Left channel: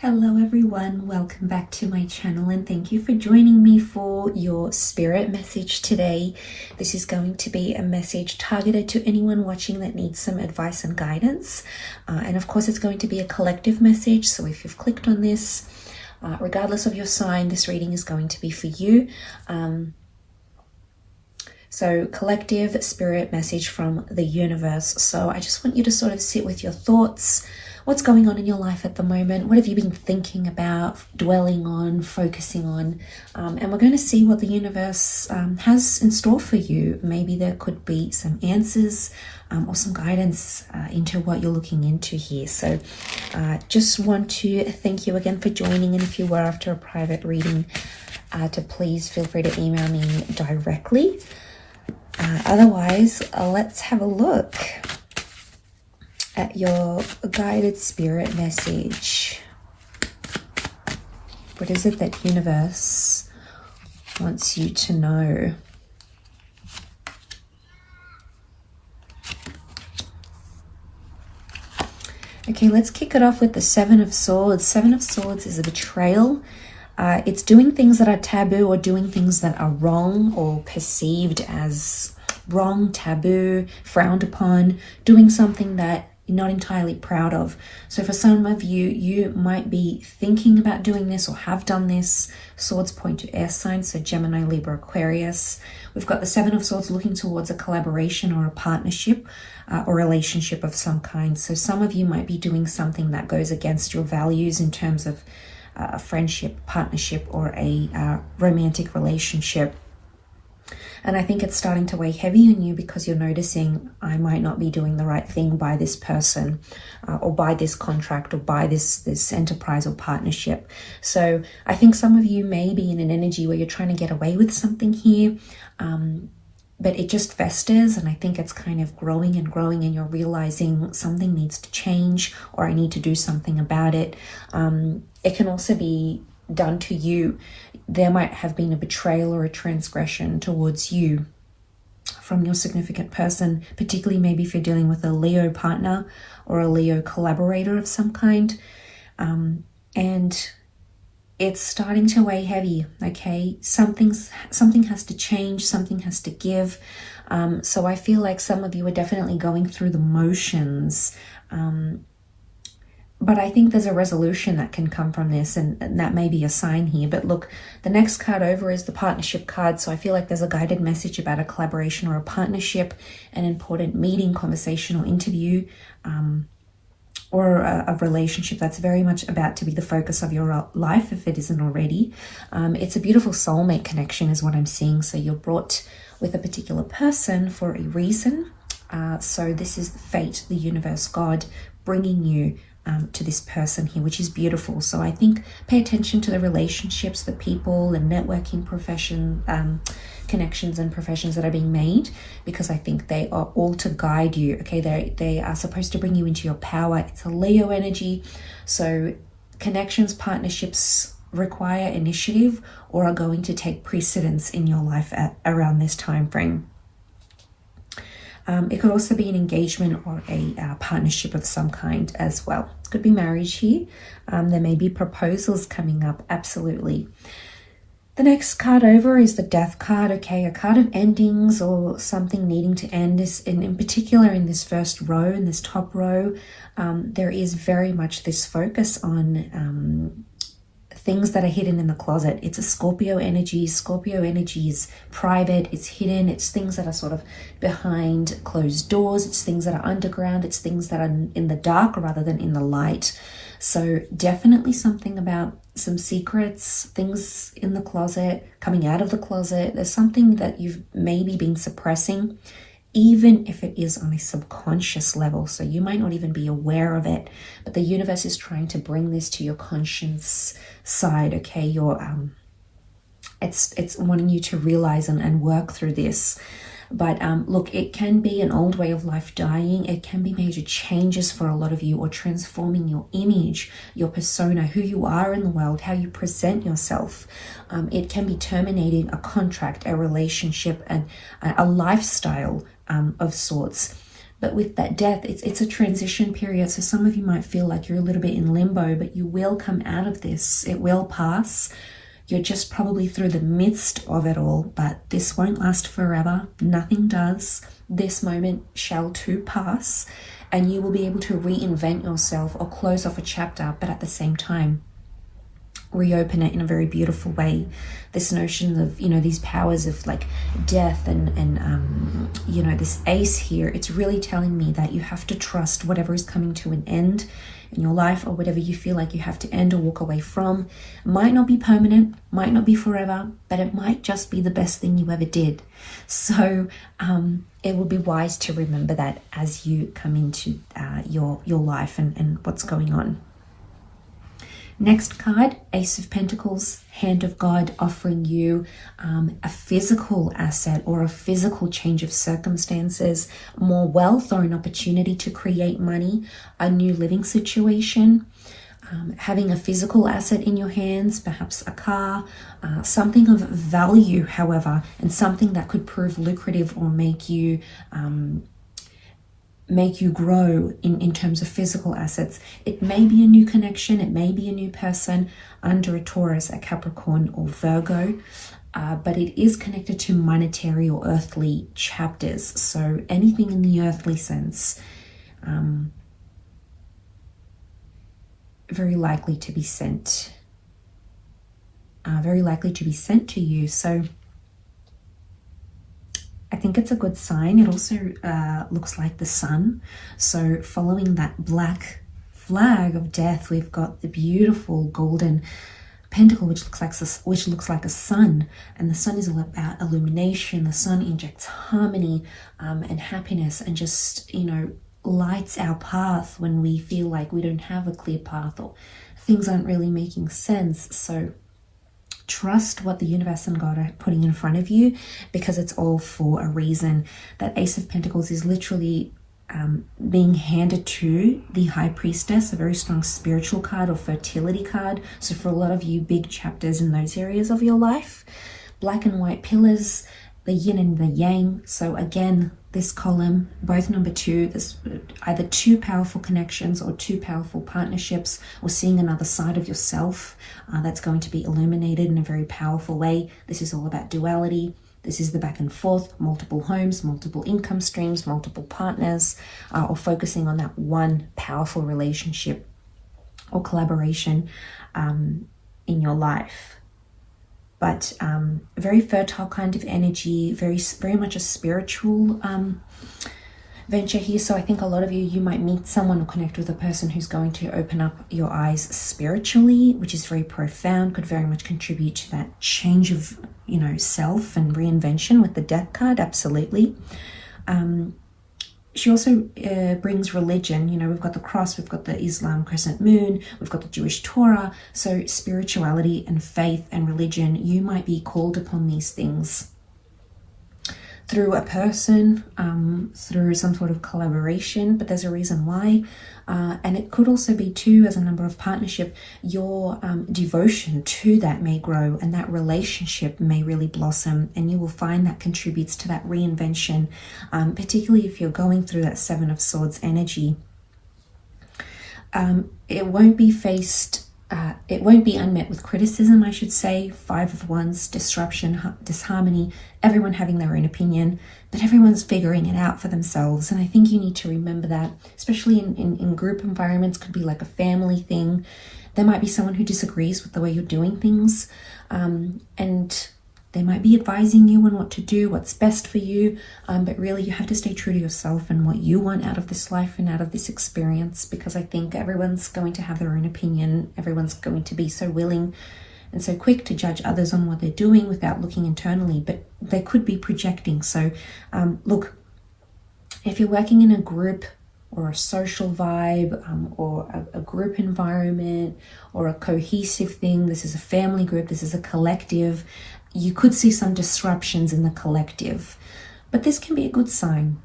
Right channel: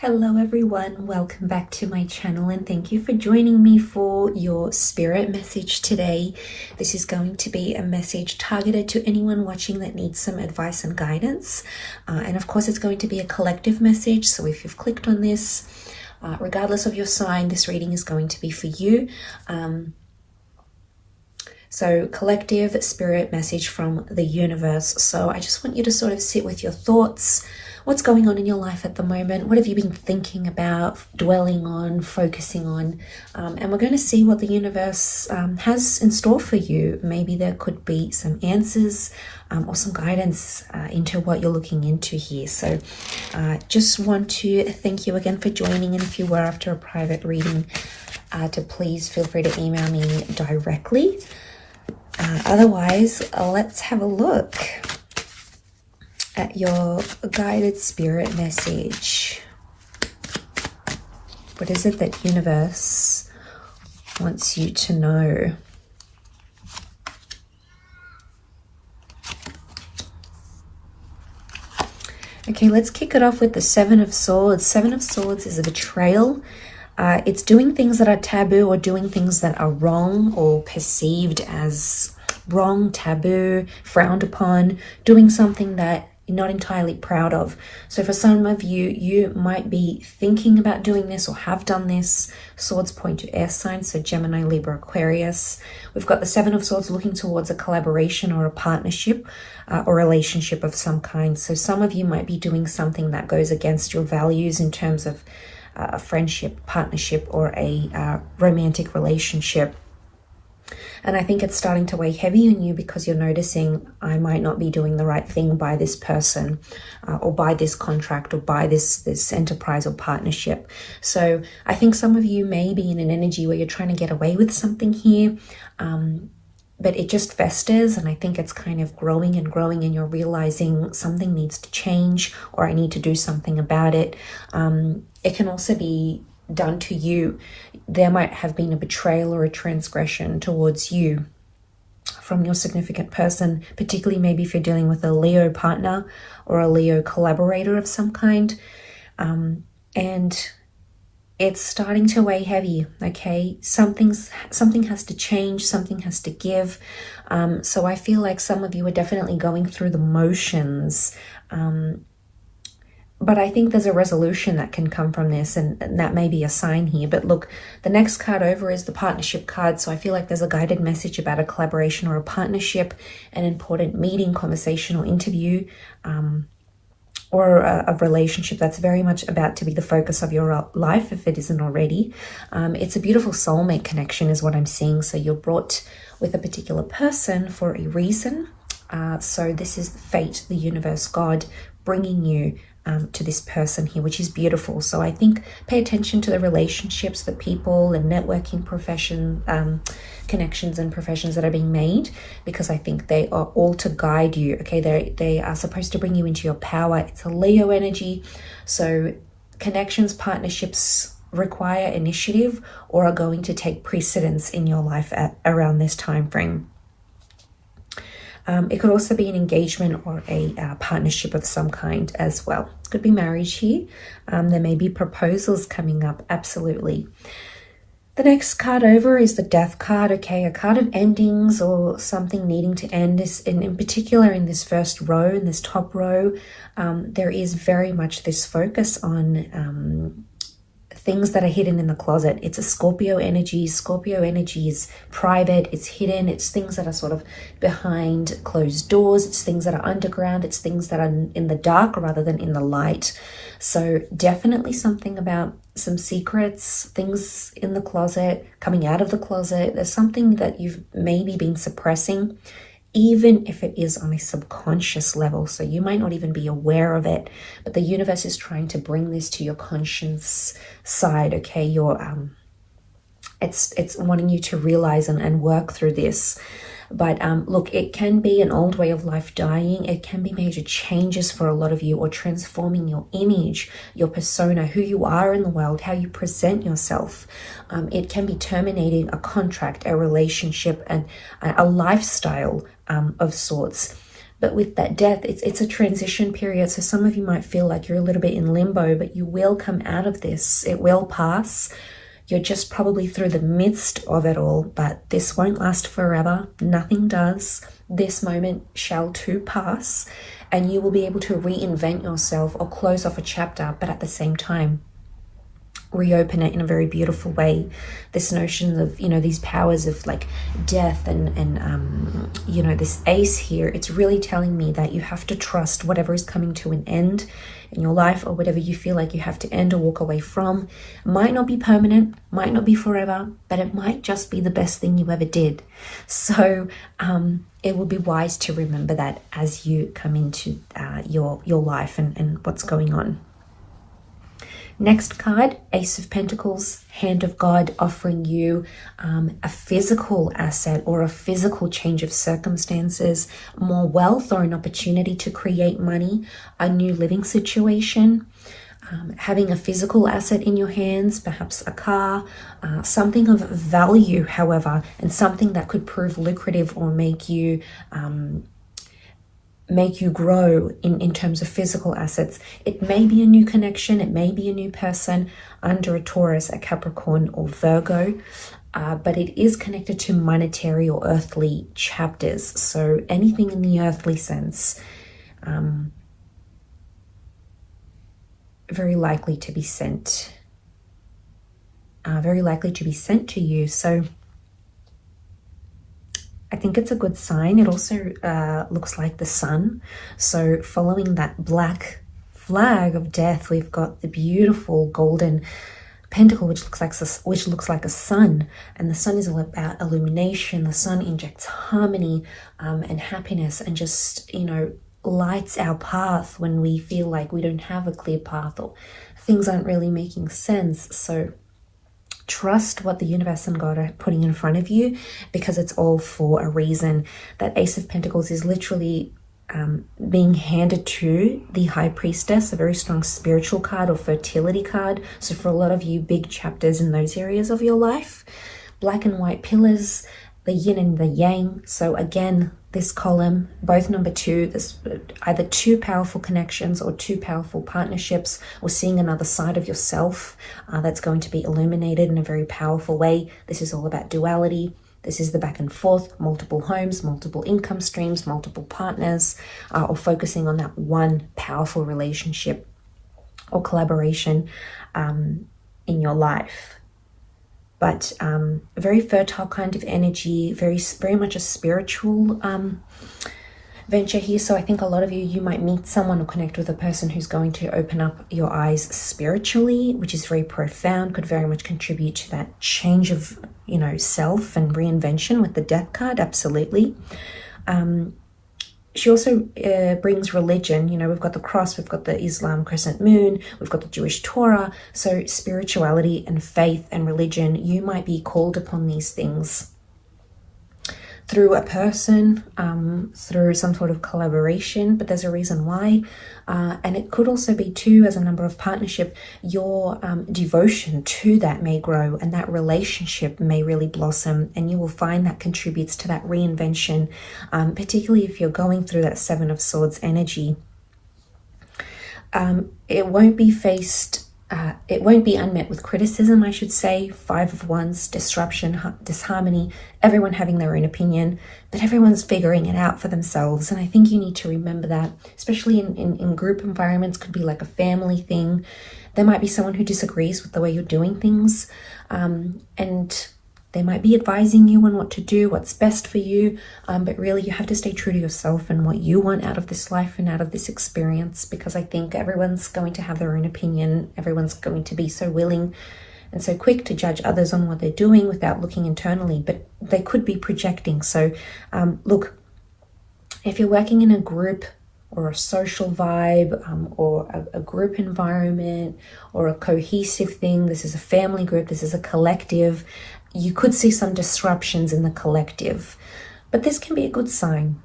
Hello everyone, welcome back to my channel and thank you for joining me for your spirit message today. This is going to be a message targeted to anyone watching that needs some advice and guidance. And of course it's going to be a collective message, so if you've clicked on this, regardless of your sign, this reading is going to be for you. So collective spirit message from the universe. So I just want you to sort of sit with your thoughts. What's going on in your life at the moment? What have you been thinking about, dwelling on, focusing on? And we're going to see what the universe has in store for you. Maybe there could be some answers or some guidance into what you're looking into here. So just want to thank you again for joining. And if you were after a private reading, to please feel free to email me directly. Otherwise, let's have a look at your guided spirit message. What is it that universe wants you to know? Okay, let's kick it off with the Seven of Swords. Seven of Swords is a betrayal. It's doing things that are taboo or doing things that are wrong or perceived as wrong, taboo, frowned upon, doing something that you're not entirely proud of. So for some of you, you might be thinking about doing this or have done this. Swords point to air signs, so Gemini, Libra, Aquarius. We've got the Seven of Swords looking towards a collaboration or a partnership or relationship of some kind. So some of you might be doing something that goes against your values in terms of a friendship, partnership, or a romantic relationship. And I think it's starting to weigh heavy on you because you're noticing, I might not be doing the right thing by this person or by this contract or by this enterprise or partnership. So I think some of you may be in an energy where you're trying to get away with something here, but it just festers, and I think it's kind of growing and growing, and you're realizing something needs to change or I need to do something about it. It can also be done to you. There might have been a betrayal or a transgression towards you from your significant person, particularly maybe if you're dealing with a Leo partner or a Leo collaborator of some kind. And it's starting to weigh heavy, okay? Something has to change, something has to give. So I feel like some of you are definitely going through the motions, but I think there's a resolution that can come from this, and that may be a sign here. But look, the next card over is the partnership card. So I feel like there's a guided message about a collaboration or a partnership, an important meeting, conversation, or interview, or a relationship that's very much about to be the focus of your life, if it isn't already. It's a beautiful soulmate connection is what I'm seeing. So you're brought with a particular person for a reason. So this is fate, the universe, God bringing you to this person here, which is beautiful. So I think pay attention to the relationships, the people and networking connections and professions that are being made, because I think they are all to guide you. Okay, they are supposed to bring you into your power. It's a Leo energy. So connections, partnerships require initiative or are going to take precedence in your life around this time frame. It could also be an engagement or a partnership of some kind as well. It could be marriage here. There may be proposals coming up, absolutely. The next card over is the Death card, okay? A card of endings or something needing to end. In particular, in this first row, in this top row, there is very much this focus on things that are hidden in the closet. It's a Scorpio energy. Scorpio energy is private, it's hidden, it's things that are sort of behind closed doors, it's things that are underground, it's things that are in the dark rather than in the light. So definitely something about some secrets, things in the closet, coming out of the closet. There's something that you've maybe been suppressing, even if it is on a subconscious level. So you might not even be aware of it, but the universe is trying to bring this to your conscious side, okay? It's wanting you to realize and work through this. But look, it can be an old way of life dying. It can be major changes for a lot of you, or transforming your image, your persona, who you are in the world, how you present yourself. It can be terminating a contract, a relationship, and a lifestyle of sorts. But with that death, it's a transition period. So some of you might feel like you're a little bit in limbo, but you will come out of this. It will pass. You're just probably through the midst of it all, but this won't last forever. Nothing does. This moment shall too pass, and you will be able to reinvent yourself or close off a chapter, but at the same time, reopen it in a very beautiful way. This notion of, you know, these powers of like death and you know, this ace here, it's really telling me that you have to trust whatever is coming to an end in your life, or whatever you feel like you have to end or walk away from. It might not be permanent, might not be forever, but it might just be the best thing you ever did. So it will be wise to remember that as you come into your life and what's going on. Next card, Ace of Pentacles, Hand of God, offering you a physical asset or a physical change of circumstances, more wealth or an opportunity to create money, a new living situation, having a physical asset in your hands, perhaps a car, something of value, however, and something that could prove lucrative or make you grow in terms of physical assets. It may be a new connection, it may be a new person under a Taurus, a Capricorn, or Virgo, but it is connected to monetary or earthly chapters. So anything in the earthly sense, very likely to be sent to you. So I think it's a good sign. It also looks like the sun. So following that black flag of death, we've got the beautiful golden pentacle, which looks like a sun. And the sun is all about illumination. The sun injects harmony and happiness, and just, you know, lights our path when we feel like we don't have a clear path or things aren't really making sense. So trust what the universe and God are putting in front of you, because it's all for a reason. That Ace of Pentacles is literally being handed to the High Priestess, a very strong spiritual card or fertility card. So for a lot of you, big chapters in those areas of your life. Black and white pillars, the yin and the yang. So again, this column, both number 2, there's either 2 powerful connections or 2 powerful partnerships, or seeing another side of yourself that's going to be illuminated in a very powerful way. This is all about duality. This is the back and forth, multiple homes, multiple income streams, multiple partners, or focusing on that one powerful relationship or collaboration in your life. But a very fertile kind of energy, very much a spiritual venture here. So I think a lot of you might meet someone or connect with a person who's going to open up your eyes spiritually, which is very profound, could very much contribute to that change of, you know, self and reinvention with the Death card, absolutely. She also brings religion. You know, we've got the cross, we've got the Islam crescent moon, we've got the Jewish Torah. So spirituality and faith and religion, you might be called upon these things through a person, through some sort of collaboration, but there's a reason why. And it could also be too, as a number of partnership, your devotion to that may grow, and that relationship may really blossom, and you will find that contributes to that reinvention, particularly if you're going through that 7 of Swords energy. It won't be unmet with criticism, I should say. 5 of Wands, disruption, disharmony, everyone having their own opinion, but everyone's figuring it out for themselves. And I think you need to remember that, especially in group environments. Could be like a family thing. There might be someone who disagrees with the way you're doing things, and they might be advising you on what to do, what's best for you, but really you have to stay true to yourself and what you want out of this life and out of this experience, because I think everyone's going to have their own opinion. Everyone's going to be so willing and so quick to judge others on what they're doing without looking internally, but they could be projecting. So look, if you're working in a group or a social vibe, or a group environment or a cohesive thing, this is a family group, this is a collective, you could see some disruptions in the collective, but this can be a good sign.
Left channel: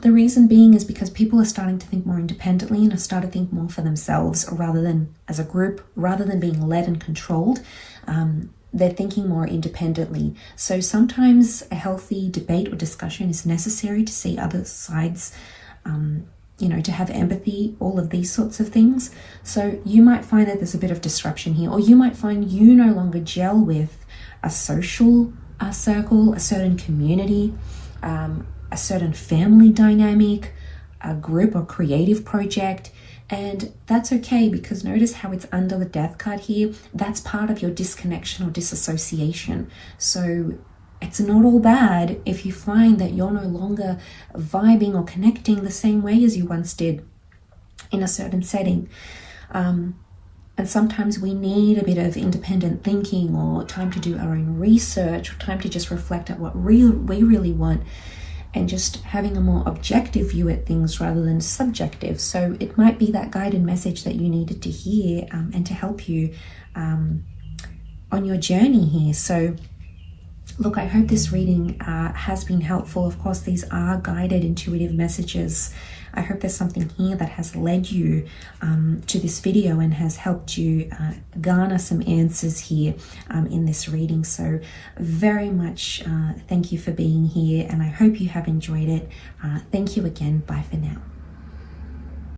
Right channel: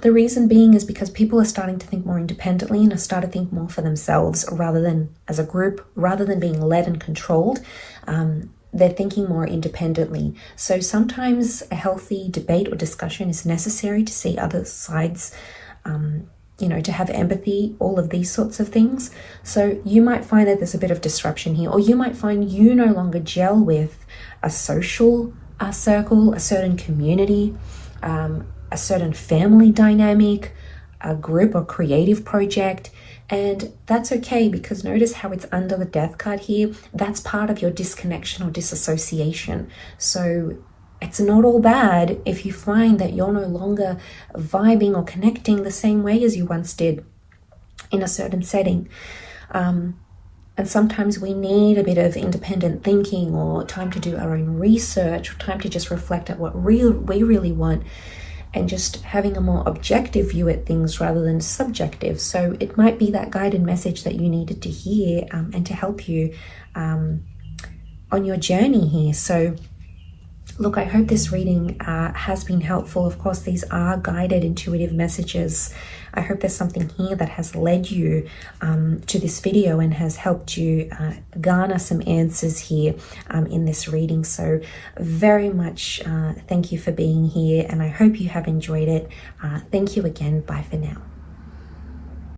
The reason being is because people are starting to think more independently and are starting to think more for themselves rather than as a group, rather than being led and controlled. They're thinking more independently. So sometimes a healthy debate or discussion is necessary to see other sides you know, to have empathy, all of these sorts of things. So you might find that there's a bit of disruption here, or you might find you no longer gel with a social circle, a certain community, a certain family dynamic, a group or creative project. And that's okay, because notice how it's under the death card here. That's part of your disconnection or disassociation. So it's not all bad if you find that you're no longer vibing or connecting the same way as you once did in a certain setting. And sometimes we need a bit of independent thinking, or time to do our own research, or time to just reflect at what we really want, and just having a more objective view at things rather than subjective. So it might be that guided message that you needed to hear, and to help you on your journey here. So look, I hope this reading has been helpful. Of course, these are guided intuitive messages. I hope there's something here that has led you to this video and has helped you garner some answers here in this reading. So very much thank you for being here, and I hope you have enjoyed it. Thank you again. Bye for now.